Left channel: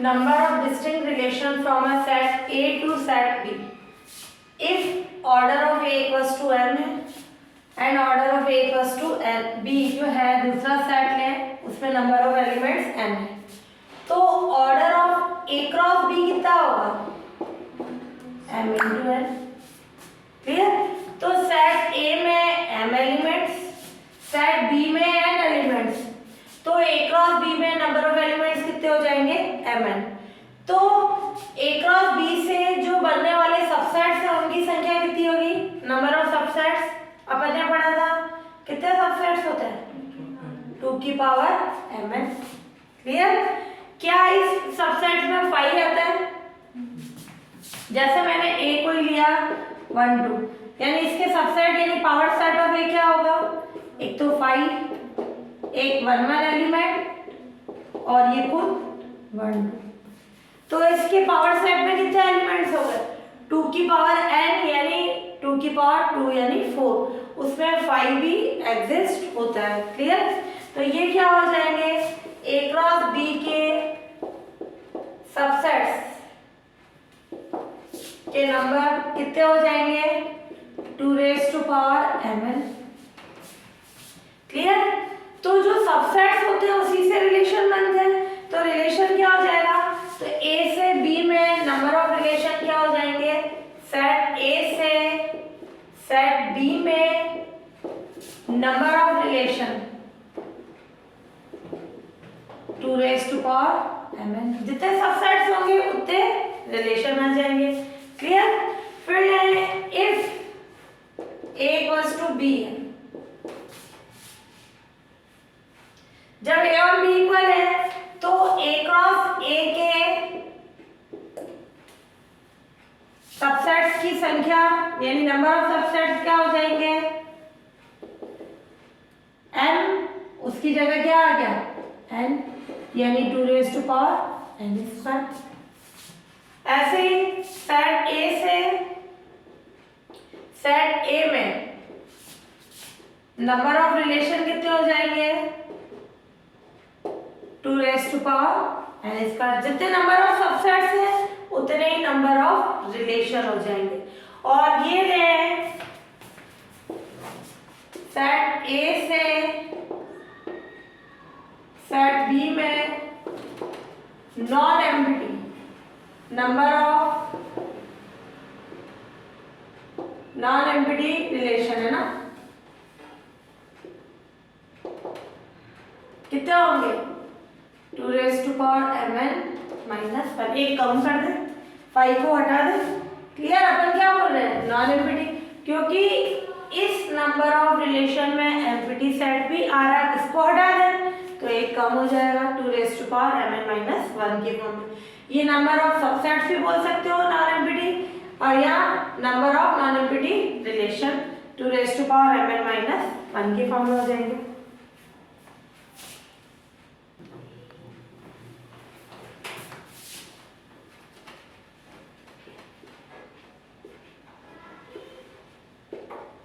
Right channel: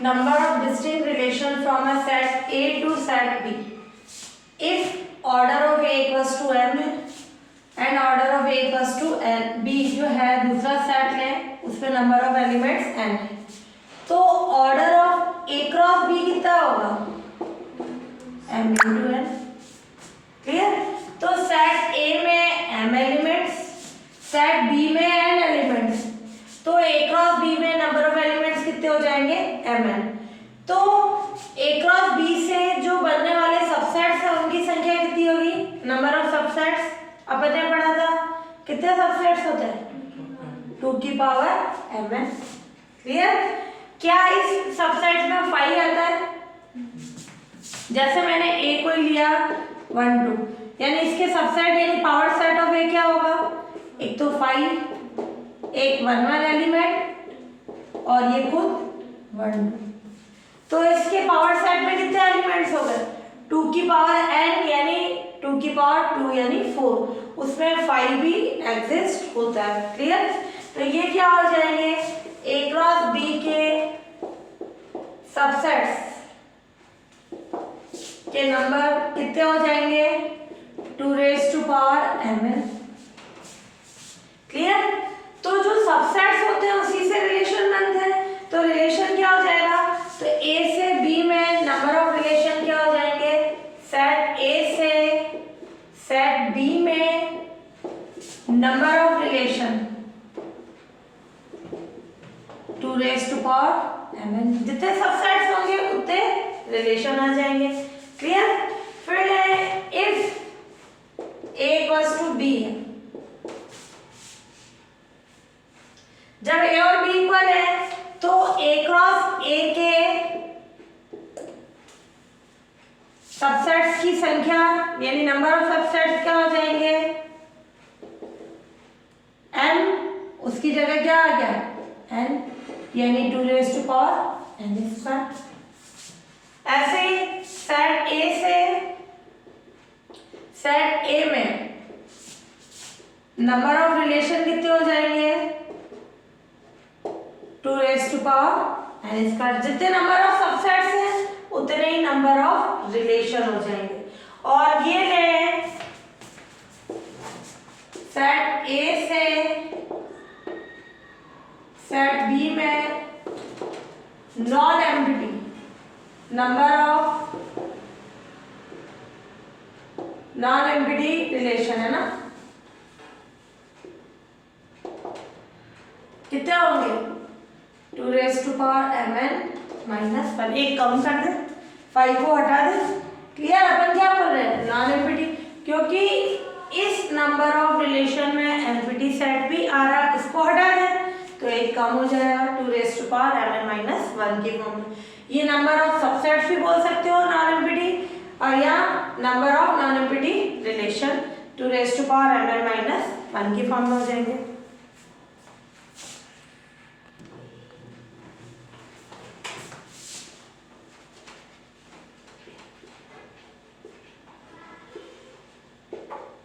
number of distinct relations from a set A to set B. If order of A equals to m and order of A equals to n, B जो है दूसरा set लें उसमें number of elements n है, तो order of A cross B कितना होगा m into n. Clear. तो सेट A में m एलिमेंट्स, सेट B में n एलिमेंट्स, तो A क्रॉस B में नंबर ऑफ एलिमेंट्स कितने हो जाएंगे mn. तो A क्रॉस B से जो बनने वाले सबसेट्स हैं उनकी संख्या कितनी होगी, नंबर ऑफ सबसेट्स. अपन ने पढ़ा था कितने सबसेट्स होते हैं 2 की पावर mn. क्लियर. क्या इस सबसेट में 5 आता है, जैसे मैंने A को ही लिया 1 2, यानी इसके सबसेट यानी पावर सेट ऑफ A क्या होगा, एक तो 5, एक 1 1 एलिमेंट और ये खुद 1 2. तो इसके पावर सेट में कितने एलिमेंट्स हो गए 2 की पावर n यानी 2 की पावर 2 यानी 4, उसमें 5 भी एग्जिस्ट होता है. क्लियर. तो ये क्या हो जाएंगे A क्रॉस B के सबसेट्स के नंबर कितने हो जाएंगे 2 raise to power mn. Clear. तो जो सबसेट्स होते हैं उसी से रिलेशन बनते हैं, तो रिलेशन क्या हो जाएगा, तो A से B में नंबर ऑफ रिलेशन क्या हो जाएंगे, सेट A से सेट B में number of relation 2 raise to power mn. जितने सबसेट्स होंगे उतने रिलेशन आ जाएंगे. क्लियर. फिर if A equals to B है, जब A और B इक्वल है तो A क्रॉस A के सबसेट्स की संख्या यानी नंबर ऑफ सबसेट्स क्या हो जाएंगे n, उसकी जगह क्या आ गया n यानी 2 raise to power n square. ऐसे ही सेट A से सेट A में नंबर ऑफ रिलेशन कितने हो जाएंगे 2 raise to power n square. जितने नंबर ऑफ सबसेट्स हैं उतने ही नंबर ऑफ रिलेशन हो जाएंगे. और ये ले सेट A से सेट B में non empty number of non empty relation है ना, कितने होंगे 2 raise to power mn minus 1. एक कम कर दे, 5 को हटा दे. क्लियर. अपन क्या बोल रहे हैं नॉन एम्प्टी, क्योंकि इस नंबर ऑफ रिलेशन में एम्प्टी सेट भी आ रहा है, इसको हटा दे तो एक कम हो जाएगा 2 raise to power mn minus 1 के फॉर्म में. ये नंबर ऑफ सबसेट्स भी बोल सकते हो नॉन एम्प्टी, और यहाँ number of non empty relation 2 raise to power mn minus 1 के फॉर्म में हो जाएंगे.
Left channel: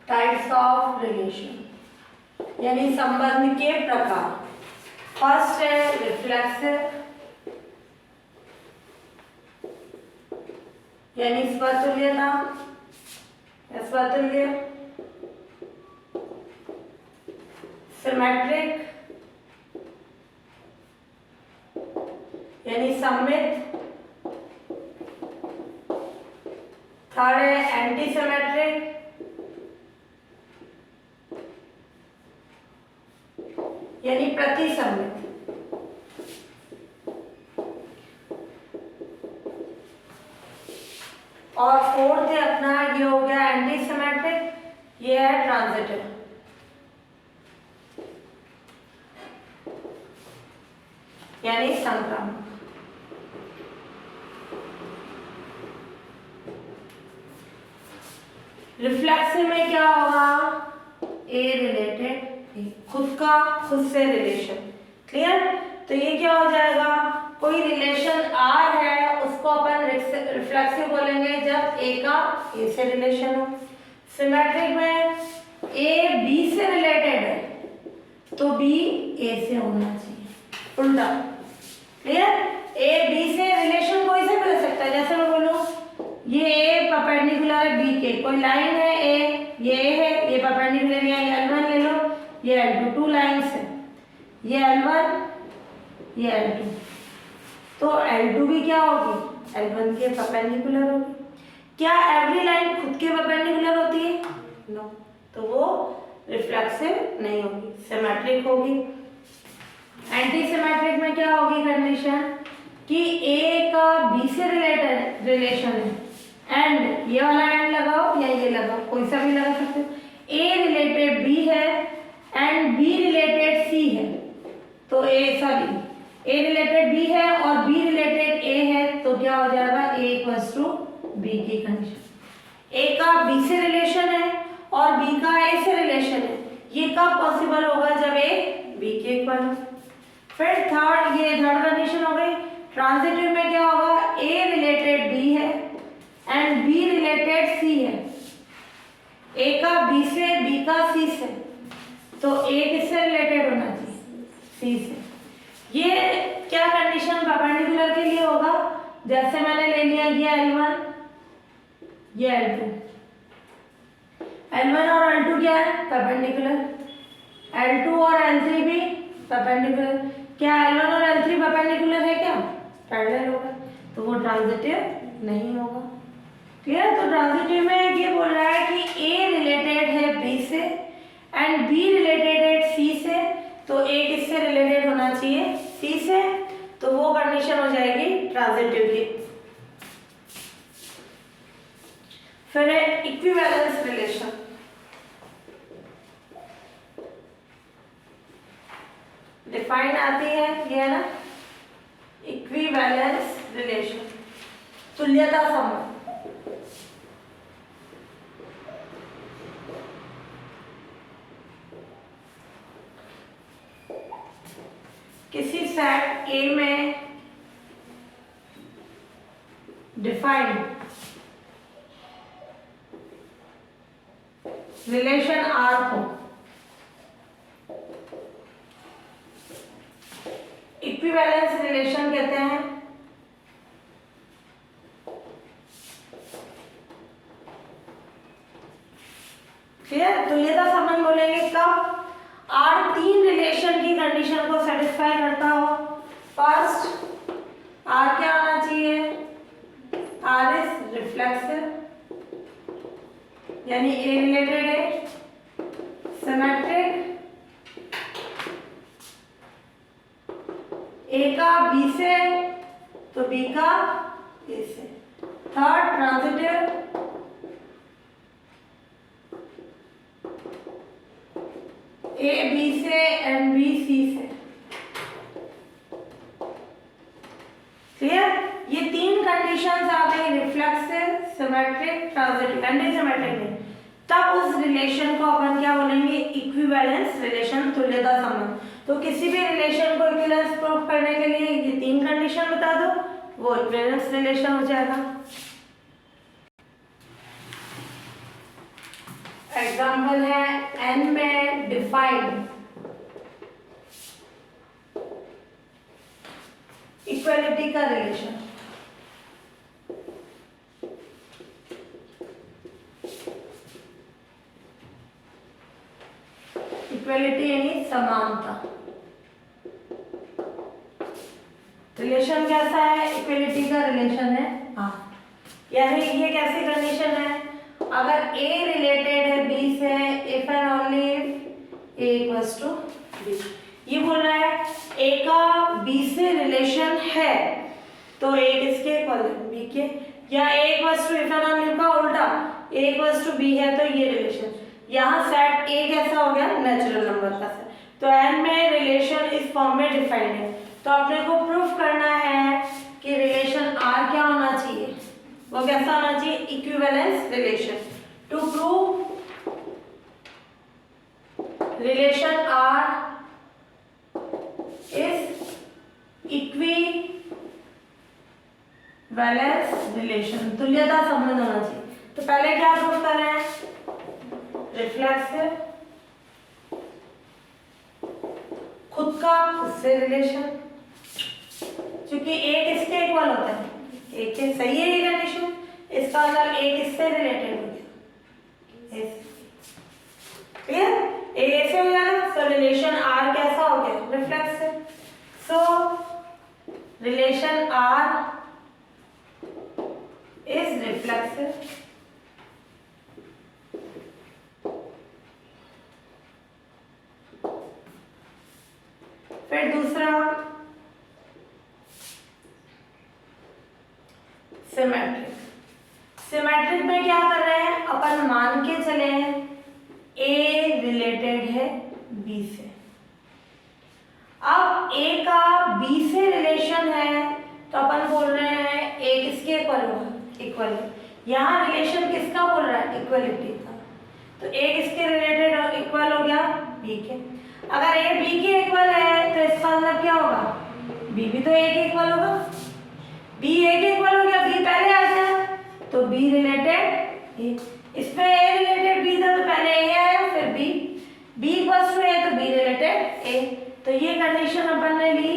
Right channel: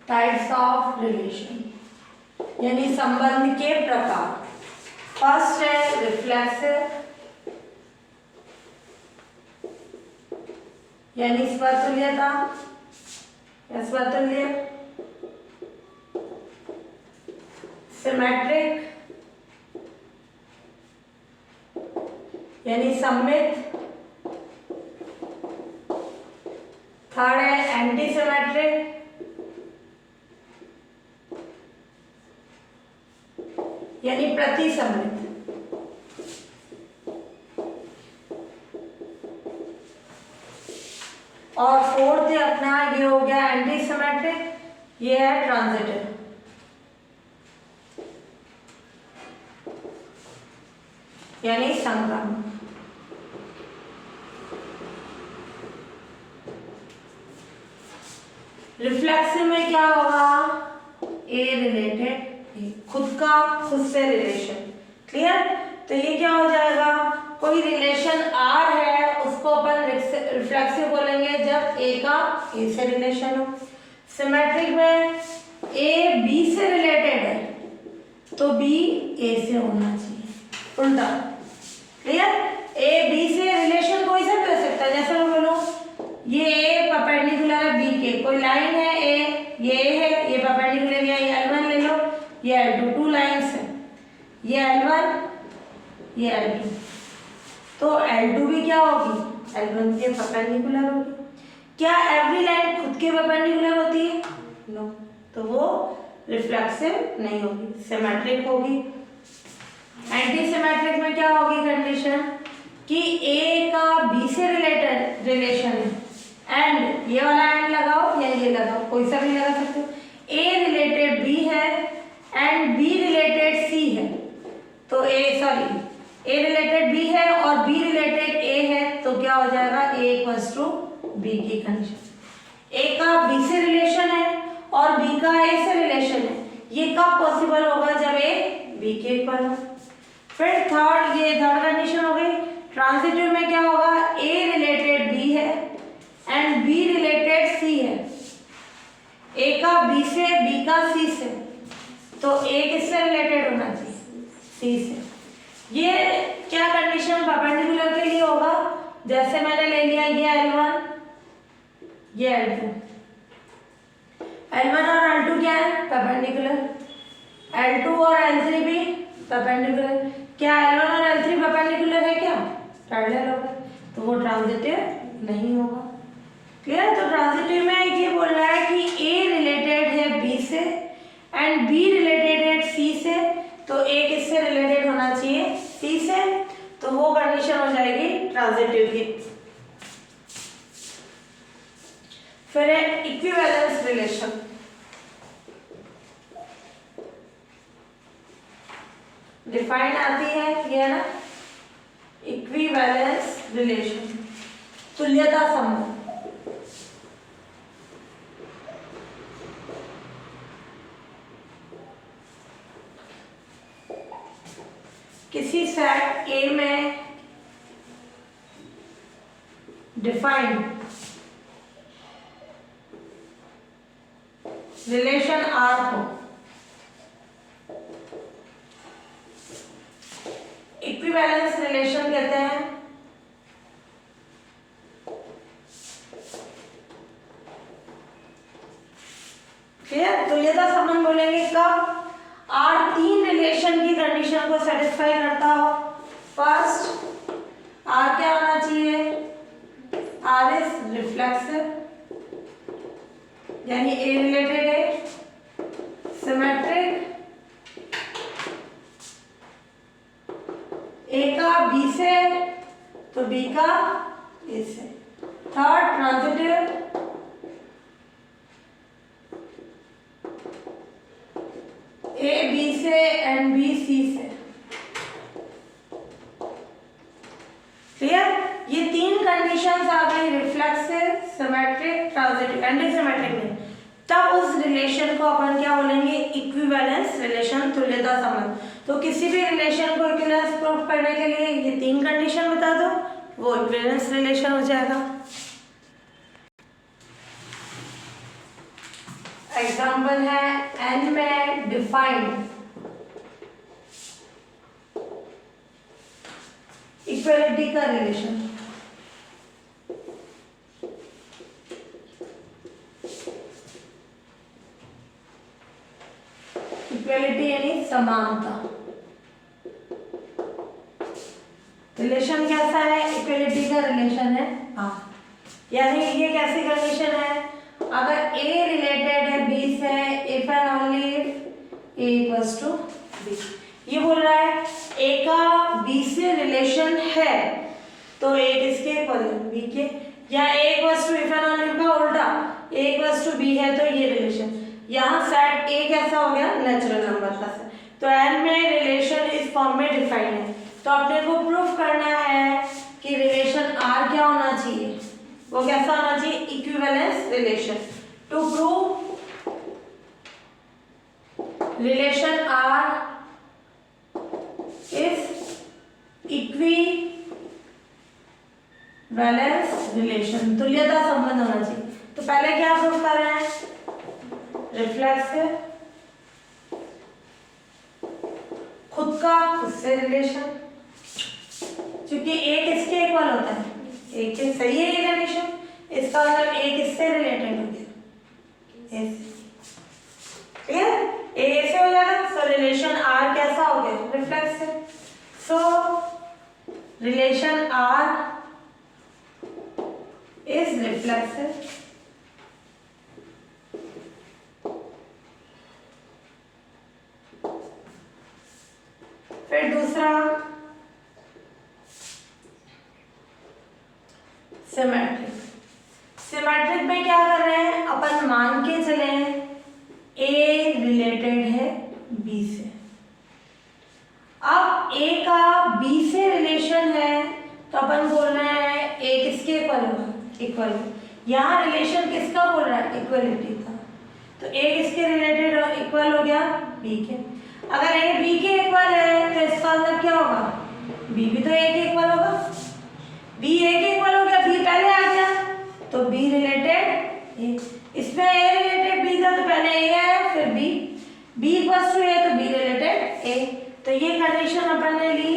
टाइप्स ऑफ रिलेशन यानी संबंध के प्रकार. फर्स्ट है रिफ्लेक्सिव यानी स्वतुल्यता या स्वतुल्य. सिमेट्रिक यानी सममित. थर्ड है एंटी सिमेट्रिक यानी प्रतिसमित. और फोर्थ है अपना ये हो गया एंटी सिमेट्रिक, ये है ट्रांजिटिव. यानी संक्रमण. रिफ्लेक्सिव में क्या होगा ए रिलेटेड खुद का खुद से रिलेशन. क्लियर. तो ये क्या हो जाएगा, कोई रिलेशन R है उसको अपन रिफ्लेक्सिव बोलेंगे जब A का A से रिलेशन हो. सिमेट्रिक में A B से रिलेटेड है तो B A से होना चाहिए, उल्टा. क्लियर? ए बी से रिलेशन कोई सा भी हो सकता है, जैसे मैं बोलूं ये ए परपेंडिकुलर है बी के, कोई लाइन है ए, ये है, ये परपेंडिकुलर है, ये L1 ले लो, ये L2, टू लाइंस है, ये L1, ये L2, तो L2 भी क्या होगी, L1 के परपेंडिकुलर होगी। क्या एवरी लाइन खुद के परपेंडिकुलर होती है? नो, तो वो रिफ्लेक्सिव नहीं होगी, सिमेट्रिक होगी। एंटी सिमेट्रिक में क्या होगी कंडीशन कि ए का बी से रिलेटेड रिलेशन है एंड ये वाला एंड लगाओ या ये लगाओ, कोई सा भी लगा सकते हो, ए रिलेटेड बी है एंड बी रिलेटेड सी है, तो ए रिलेटेड बी है और बी रिलेटेड ए है, तो क्या हो जाएगा ए इक्वल्स टू बी की कंडीशन। ए का बी से रिलेशन है और बी का ए से रिलेशन है, ये कब पॉसिबल होगा, जब ए बी के इक्वल हो। फिर थर्ड कंडीशन हो गई। ट्रांजिटिव में क्या होगा, ए रिलेटेड बी है एंड बी रिलेटेड सी है, ए का बी से, बी का सी से, तो ए किससे रिलेटेड होना चाहिए, सी से। ये क्या कंडीशन परपेंडिकुलर के लिए होगा, जैसे मैंने ले लिया ये L1, ये L2, L1 और L2 क्या है, परपेंडिकुलर, L2 और L3 भी परपेंडिकुलर। क्या L1 और L3 परपेंडिकुलर है, क्या पैरेलल होगा, तो वो ट्रांजिटिव नहीं होगा। क्लियर? तो ट्रांजिटिव में ये बोल रहा है कि ए रिलेटेड है बी से एंड बी रिलेटेड है सी से, तो ए किससे रिलेटेड होना चाहिए, सी से, तो वो कंडीशन हो जाएगी ट्रांजिटिव की। फिर है इक्विवेलेंस रिलेशन। डिफाइन आती है ये ना, इक्विवेलेंस रिलेशन, तुल्यता संबंध। किसी सेट ए में डिफाइंड रिलेशन आर को इक्विवेलेंस रिलेशन कहते हैं। क्लियर? तो ये था संबंध बोलेंगे कब आर तीन रिलेशन की कंडीशन को सेटिस्फाई करता हो। फर्स्ट, आर क्या होना चाहिए, आर इज रिफ्लेक्सिव, यानी ए रिलेटेड है, सिमेट्रिक, ए का बी से तो बी का ए से। थर्ड, ट्रांजिटिव, ए बी से एंड बी सी से। क्लियर? ये तीन कंडीशंस आ गई, reflexive, symmetric, transitive. Anti symmetric नहीं, तब उस रिलेशन को अपन क्या बोलेंगे, इक्विवेलेंस रिलेशन, तुल्यता संबंध। तो किसी भी रिलेशन को इक्विवेलेंस प्रूव करने के लिए ये तीन कंडीशन बता दो, वो इक्विवेलेंस रिलेशन हो जाएगा। एग्जाम्पल है एन में डिफाइंड इक्वलिटी का रिलेशन। इक्वलिटी यानी समानता। रिलेशन कैसा है, इक्वलिटी का रिलेशन है। हाँ, यानी ये कैसी कंडीशन है, अगर ए रिलेटेड है बी से, if and only A equals to B. ये बोल रहा है ए का बी से रिलेशन है, तो ए किसके इक्वल है, बी के, या A equals to if and only का उल्टा, ए इक्वल्स टू बी है, तो ये रिलेशन। यहाँ सेट ए कैसा हो गया, नेचुरल नंबर का सेट। तो एन में रिलेशन इस फॉर्म में डिफाइंड है, तो अपने को प्रूफ करना है कि रिलेशन आर क्या होना चाहिए, वो कैसा होना चाहिए, equivalence relation. To prove relation R is equivalence relation, तुल्यता संबंध होना चाहिए। तो पहले क्या प्रूफ कर रहे हैं, रिफ्लेक्सिव, खुद का खुद से रिलेशन, क्योंकि ए किसके इक्वल होता है, ए के। सही है ये कंडीशन, इसका मतलब ए किससे रिलेटेड हो गया, ए से। क्लियर, ए से हो जाएगा। सो रिलेशन आर कैसा हो गया, reflexive. So relation R is reflexive. फिर दूसरा सिमेट्रिक। सिमेट्रिक में क्या कर रहे हैं, अपन मान के चले ए रिलेटेड है बी से। अब ए का बी से रिलेशन है तो अपन बोल रहे हैं ए किसके इक्वल होगा, इक्वल है। यहाँ रिलेशन किसका बोल रहा है, इक्वलिटी का। तो ए किसके रिलेटेड इक्वल हो गया, बी के। अगर ए बी के इक्वल है तो इसका मतलब क्या होगा, बी भी तो ए के इक्वल होगा। बी ए के इक्वल हो गया, बी पहले आ गया तो बी रिलेटेड ए। इसमें ए रिलेटेड बी था तो पहले ए आया फिर बी, बी इक्वल टू ए तो बी रिलेटेड ए। तो ये कंडीशन अपन ने ली,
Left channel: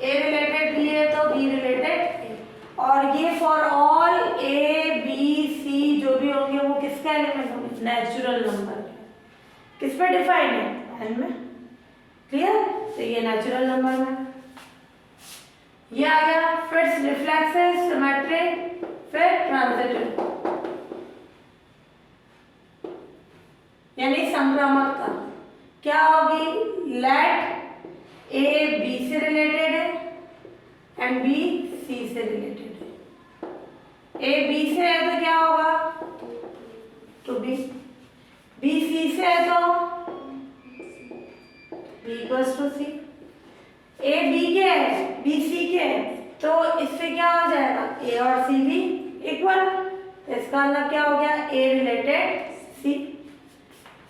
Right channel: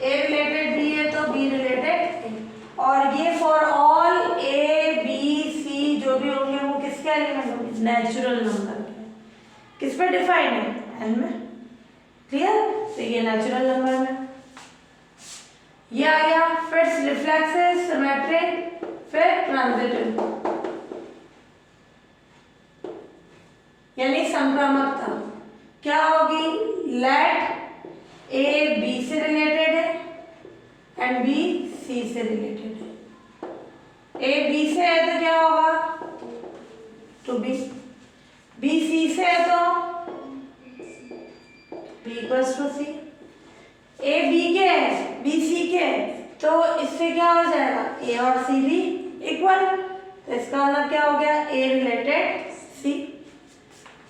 ए रिलेटेड बी है तो बी रिलेटेड ए। और ये for all A B C जो भी होंगे वो किसके एलिमेंट होंगे, नेचुरल नंबर के। किस पर डिफाइंड है, एन में। क्लियर, तो ये नेचुरल नंबर में ये आ गया। फिर रिफ्लेक्सिव, सिमेट्रिक, फिर ट्रांजिटिव यानी संक्रामकता क्या होगी, लेट ए बी से रिलेटेड है एंड बी सी से रिलेटेड है। ए बी से है तो क्या होगा, तो बी, बी सी से है तो B equals to C. A B के है, बी सी के है तो इससे क्या हो जाएगा, ए और सी भी इक्वल। तो इसका मतलब क्या हो गया, A related C.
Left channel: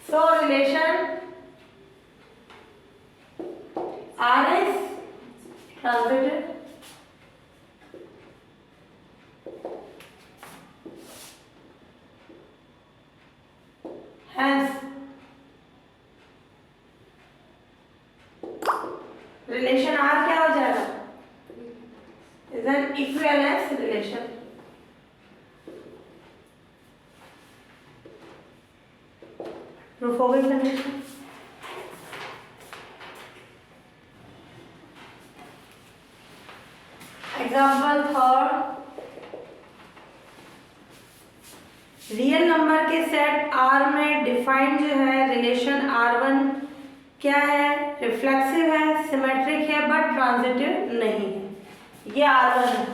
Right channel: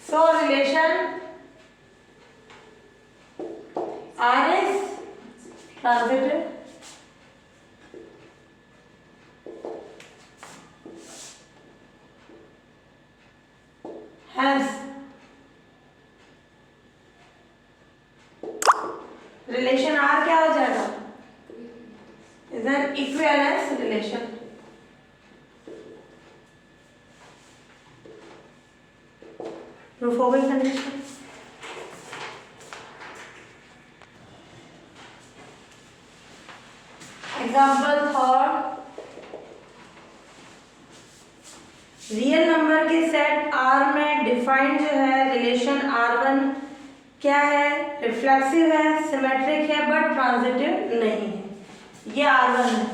So relation R is transitive. Hence, relation R क्या हो जाएगा, is an equivalence relation. Proof हो गई condition. Example third, real number के सेट आर में डिफाइंड जो है रिलेशन R1 क्या है, रिफ्लेक्सिव है, सिमेट्रिक है बट ट्रांजिटिव नहीं है। ये R1 है,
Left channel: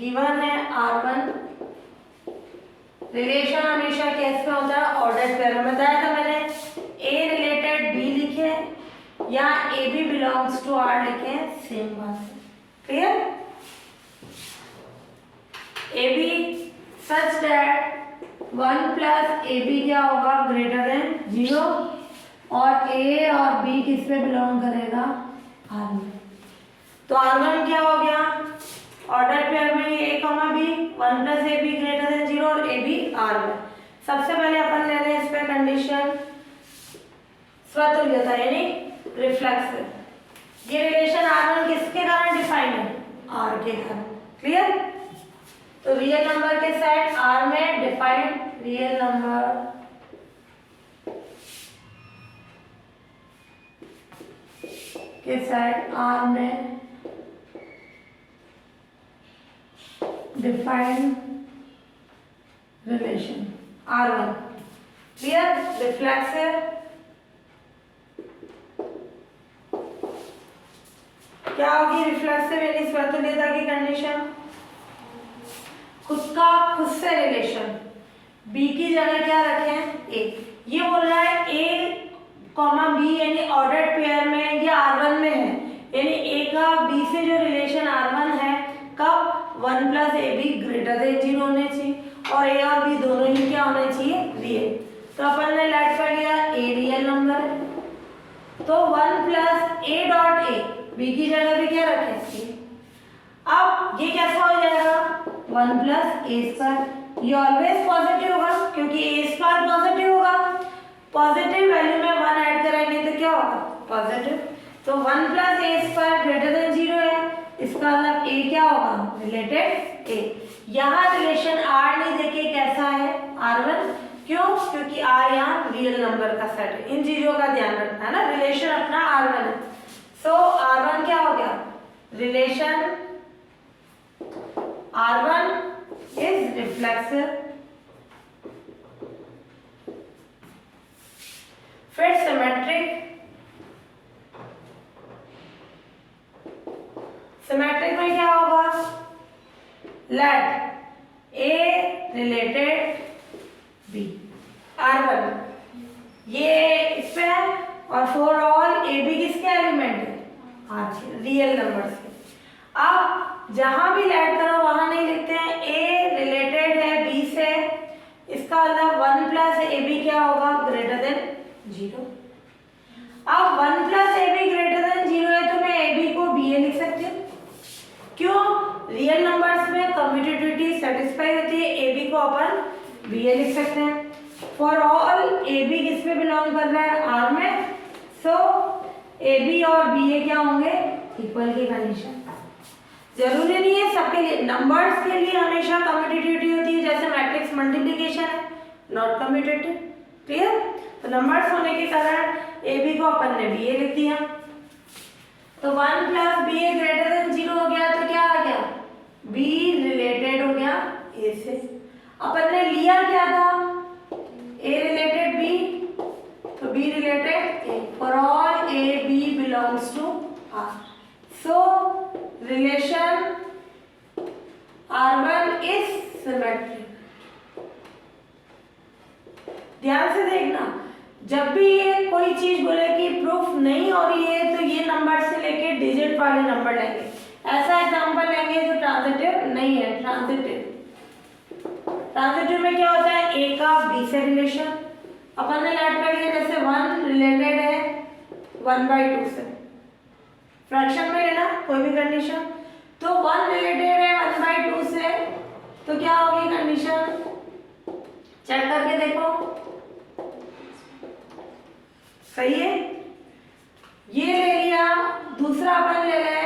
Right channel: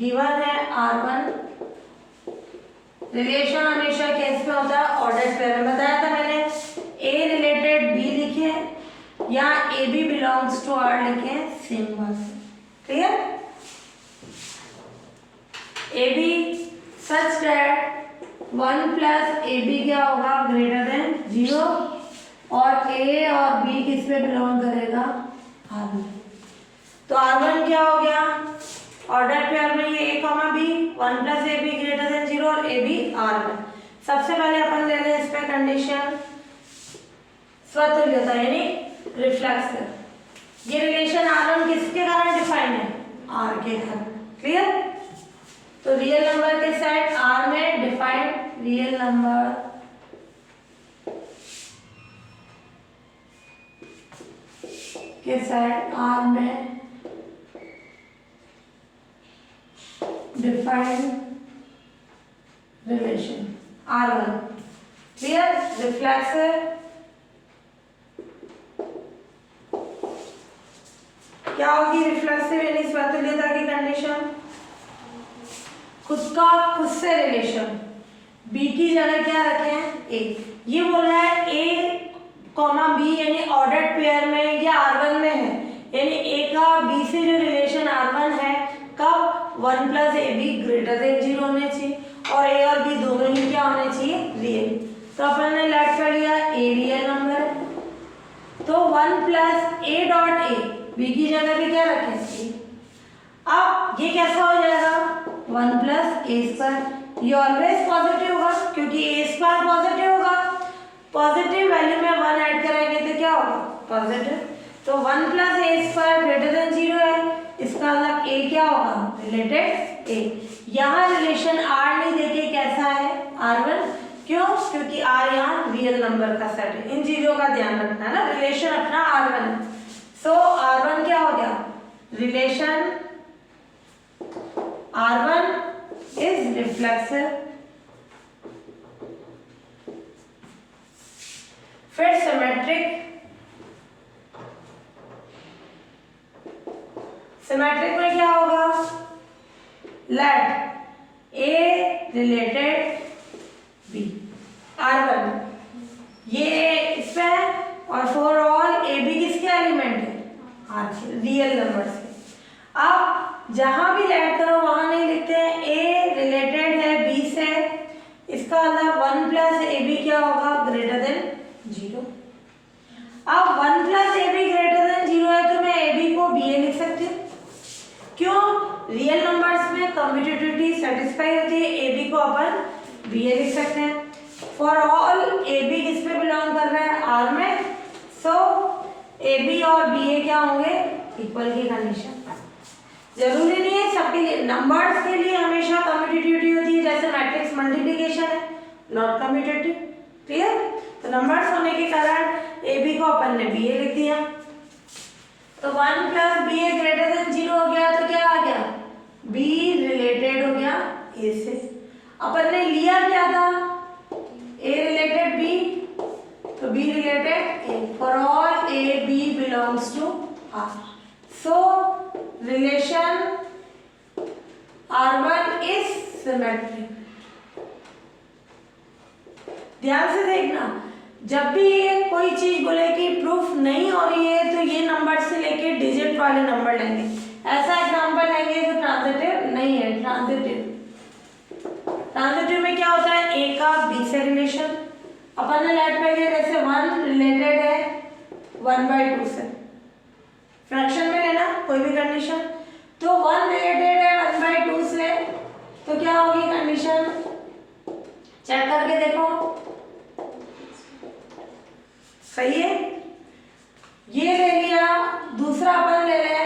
गिवन है R1। रिलेशन हमेशा केस में होता है ऑर्डर पेयर में। बताया था मैंने, ए रिलेटेड बी लिखे या A B belongs to R लिखे, सेम बात। Clear, A B such that 1 plus A B क्या होगा, ग्रेटर देन 0 और ए और बी किस पे बिलोंग करेगा, आर में। तो R1 क्या हो गया, ऑर्डर पेयर में ये A comma B, 1 plus A B greater than 0 और ए बी आर में। सबसे पहले अपन ले रहे हैं इस पे कंडीशन स्वतुल्यता यानी रिफ्लेक्सिव। ये रिलेशन R1 किसके कारण डिफाइंड है, आर के कारण। क्लियर, तो रियल नंबर के सेट आर में डिफाइंड, रियल नंबर के सेट आर में defined relation R1। Clear, reflexive क्या होगी, रिफ्लेक्सिव यानी स्वतुल्यता की कंडीशन, खुद का खुद से रिलेशन। बी की जगह क्या रखें, ए। ये बोल रहा है ए कॉमा बी यानी ऑर्डर्ड पेयर में या R1 में है, यानी ए का बी से जो रिलेशन R1 है कब, 1 plus A B greater than 0 होने चाहिए और ए और बी दोनों ही क्या होने चाहिए, रियल। तो अपन ने लेट कर लिया ए रियल नंबर है तो 1 plus A dot A, B की जगह पे क्या रखें, ए। अब ये कैसा हो जाएगा, 1 प्लस ए स्क्वायर। ये ऑलवेज पॉजिटिव होगा क्योंकि ए स्क्वायर पॉजिटिव होगा। पॉजिटिव वैल्यू में 1 ऐड कराएंगे तो क्या होगा, पॉजिटिव। तो 1 प्लस ए स्क्वायर ग्रेटर देन 0 है, इसका मतलब ए क्या होगा, रिलेटेड ए। यहाँ रिलेशन आर नहीं देखे कैसा है, R1, क्यों, क्योंकि आर यहाँ रियल नंबर का सेट है, इन चीजों का ध्यान रखना है ना, रिलेशन अपना R1 है। सो R1 क्या हो गया, रिलेशन R1 इज रिफ्लेक्सिव। फिर सिमेट्रिक, सिमेट्रिक में क्या होगा, लेट ए रिलेटेड बी, R1 ये इस पे है, और फॉर ऑल ए बी किसके एलिमेंट है, आर के, रियल नंबर्स के। अब जहां भी लेट करो वहां नहीं लिखते हैं, ए रिलेटेड है बी से, इसका मतलब 1 प्लस ए बी क्या होगा, ग्रेटर देन 0। अब 1 plus A B greater than 0 है तो मैं ए बी को बी ए लिख सकती हूँ, क्यों, रियल नंबर्स में कम्यूटेटिविटी सेटिस्फाई होती है, ए बी को अपन बी ए लिख सकते हैं। फॉर ऑल ए बी किस पे बिलोंग कर रहा है, आर में, सो ए बी और बी ए क्या होंगे, इक्वल की कंडीशन। जरूरी नहीं है सबके लिए, नंबर्स के लिए हमेशा कम्यूटेटिविटी होती है, जैसे मैट्रिक्स मल्टीप्लिकेशन है, नॉट कम्यूटेटिव, क्लियर। तो नंबर्स होने के कारण ए बी को अपन ने बी ए लिख दिया, तो 1 प्लस बी ए ग्रेटर देन 0 हो गया, तो क्या आ गया, बी रिलेटेड हो गया ए से। अपन ने लिया क्या था, ए रिलेटेड बी, तो B related A, for all A B belongs to R, so relation R1 is symmetric. ध्यान से देखना, जब भी ये कोई चीज बोले कि प्रूफ नहीं हो रही है तो ये नंबर से लेके डिजिट वाले नंबर लेंगे, ऐसा एग्जांपल लेंगे जो ट्रांजिटिव नहीं है। ट्रांजिटिव में क्या होता है, ए का बी से रिलेशन, अपन ने लेट कर लिया, जैसे 1 रिलेटेड है 1/2 से, फ्रैक्शन में लेना कोई भी कंडीशन, तो 1 रिलेटेड है 1/2 से, तो क्या होगी कंडीशन, चेक करके देखो, सही है। ये ले लिया, दूसरा अपन ले लें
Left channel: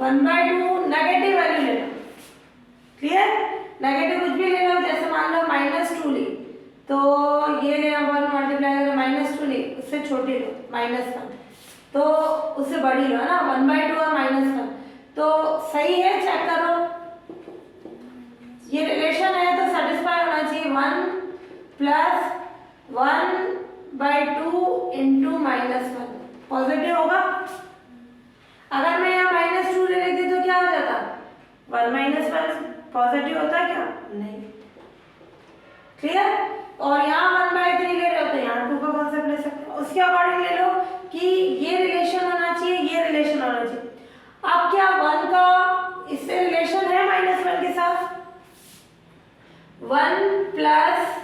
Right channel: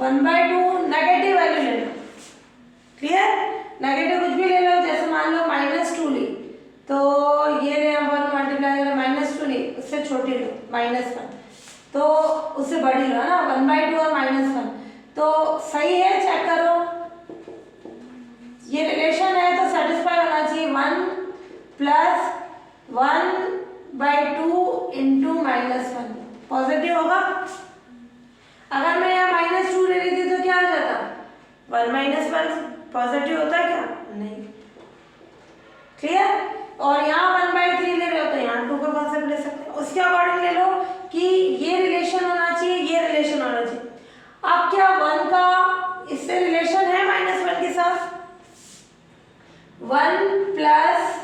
1/2, नेगेटिव वैल्यू लेना, क्लियर, नेगेटिव कुछ भी ले लो, जैसे मान लो -2 ली, तो ये ले 1 मल्टीप्लाई -2 ली, उससे छोटी लो -1, तो उससे बड़ी लो ना, 1/2 और -1, तो सही है, चेक करो, ये रिलेशन है तो सेटिस्फाई होना चाहिए, 1 प्लस 1/2 इंटू -1 पॉजिटिव होगा। अगर मैं यहाँ -2 ले लेती तो क्या हो जाता, 1 - 1 पॉजिटिव होता है क्या, नहीं, क्लियर। और यहाँ 1/3 ले रहे हो तो यहाँ 2 का कॉन्सेप्ट ले सकते हैं, उसके अकॉर्डिंग ले लो कि ये रिलेशन होना चाहिए, ये रिलेशन होना चाहिए। अब क्या 1 का इससे रिलेशन है -1 के साथ, 1 प्लस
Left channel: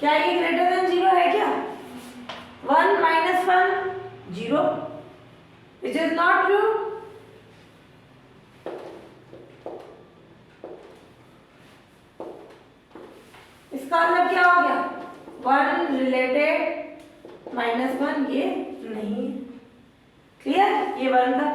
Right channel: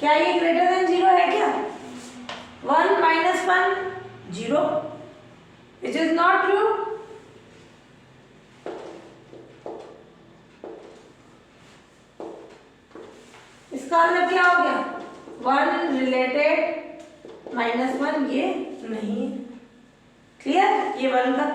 क्या ये ग्रेटर देन 0 है क्या, 1 - 1 0, इट इज नॉट ट्रू। इसका मतलब क्या हो गया, 1 रिलेटेड -1 ये नहीं है, क्लियर, ये 1 का,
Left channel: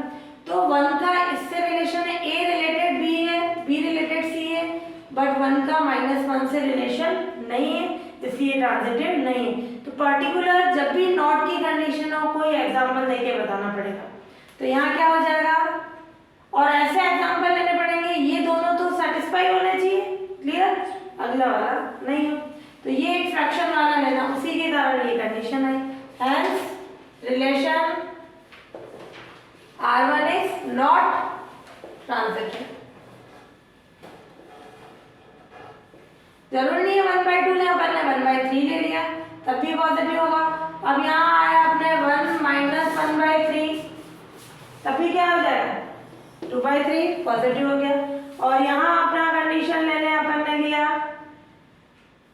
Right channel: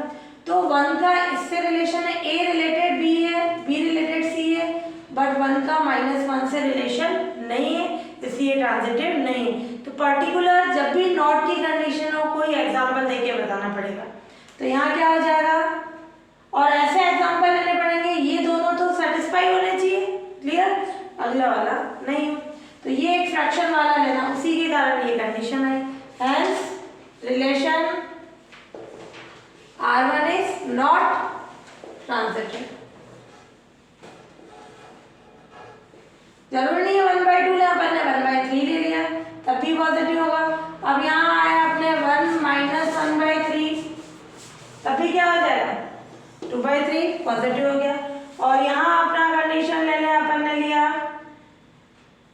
तो 1 का इससे रिलेशन है, ए रिलेटेड बी है, बी रिलेटेड सी है, बट 1 का -1 से रिलेशन नहीं है, इसलिए ट्रांजिटिव नहीं है। तो पर्टिकुलर जब भी नॉट की कंडीशन हो, कोई एग्जांपल देके बताना पड़ेगा, तो यहाँ क्या हो जाएगा, और ऐसे एग्जांपल लेने पड़ेंगे, ये दोनों तो सेटिस्फाई होने चाहिए, क्लियर, अगला वाला नहीं हो, तो ये एक फ्रैक्शन वाला लेना, उसी के कारण ये condition I, hence relation R1 is not transitive. जरूर नहीं है 1/2 ले, अपन ने 1/3 ले लिया तब भी पॉजिटिव होगा। अब यहाँ आया अपने 1 - 1/3, तब भी क्या हो जाएगा, 2/3 पॉजिटिव हो गया। और यहाँ अपना कंडीशन ले लें, अपन ने लिया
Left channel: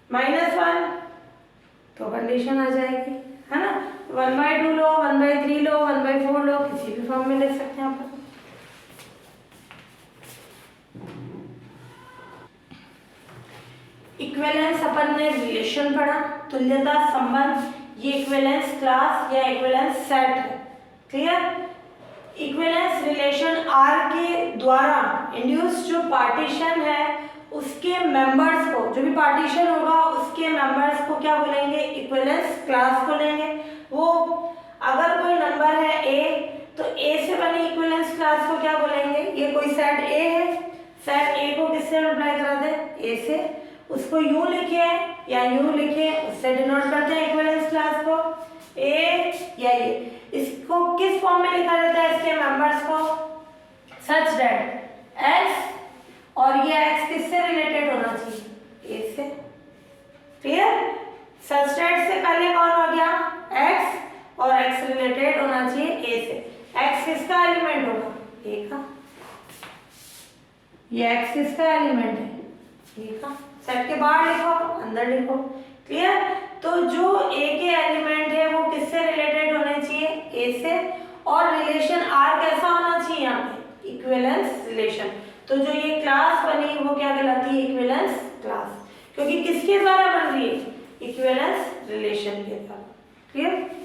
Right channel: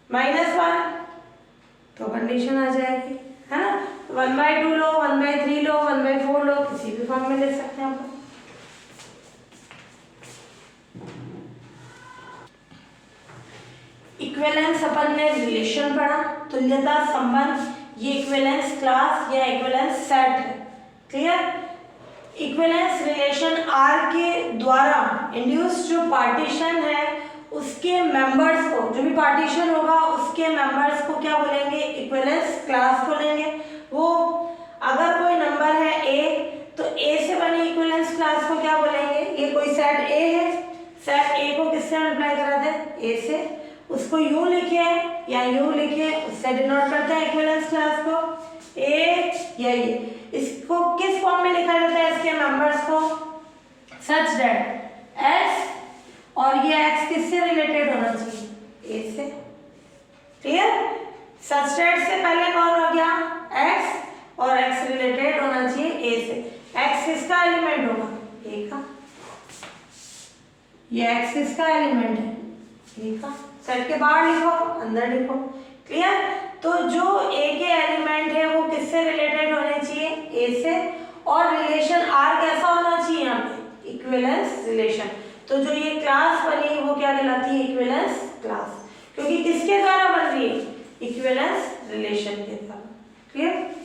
-1, तो कंडीशन आ जाएगी, है ना, 1/2 लो, 1/3 लो, 1/4 लो, किसी भी फॉर्म में ले सकते हैं अपन। इक्विवेलेंस अपन ने रिलेशन पढ़ा, तुल्यता संबंध, ये इक्विवेलेंस क्लास या इक्विवेलेंस सेट है, क्लियर। इक्विवेलेंस रिलेशन आर के द्वारा इंड्यूस जो पार्टीशन है उसके मेंबर्स को, जो भी पार्टीशन होगा उसके मेंबर्स को क्या बोलेंगे, इक्विवेलेंस क्लास बोलेंगे। वो अगर कोई नंबर है ए तो ए से बने इक्विवेलेंस क्लास को क्या बोलेंगे, ये कोई सेट ए है, सेट ए को किससे मल्टीप्लाई करा दे, ए से, उसको यूं लिखे या यूं लिखे, उससे डिनोट करते हैं इक्विवेलेंस क्लास को, ए या ये। इसको किस फॉर्म में लिखा जाता है, इसके मेंबर्स को, सच दैट एक्स और ये एक्स किससे रिलेटेड होना चाहिए, ए से। क्लियर। सच दैट से पहले कौन हो गया, एक्स, और एक्स रिलेटेड होना चाहिए ए से। एक्स किसका एलिमेंट होगा, ए का, ये एक्स किसका एलिमेंट है, ए का। सेट के बाहर लिखो, अंदर लिखो। क्लियर। तो जो ए के एलिमेंट है वो किससे रिलेटेड होने चाहिए, ए से, और रिलेशन आर कैसा होना चाहिए यहाँ पे, इक्विवेलेंस रिलेशन। तो जो ये क्लास बनी वो क्या कहलाती है, इक्विवेलेंस क्लास, क्योंकि किसके द्वारा बन रही है, इक्विवेलेंस रिलेशन के द्वारा। क्लियर।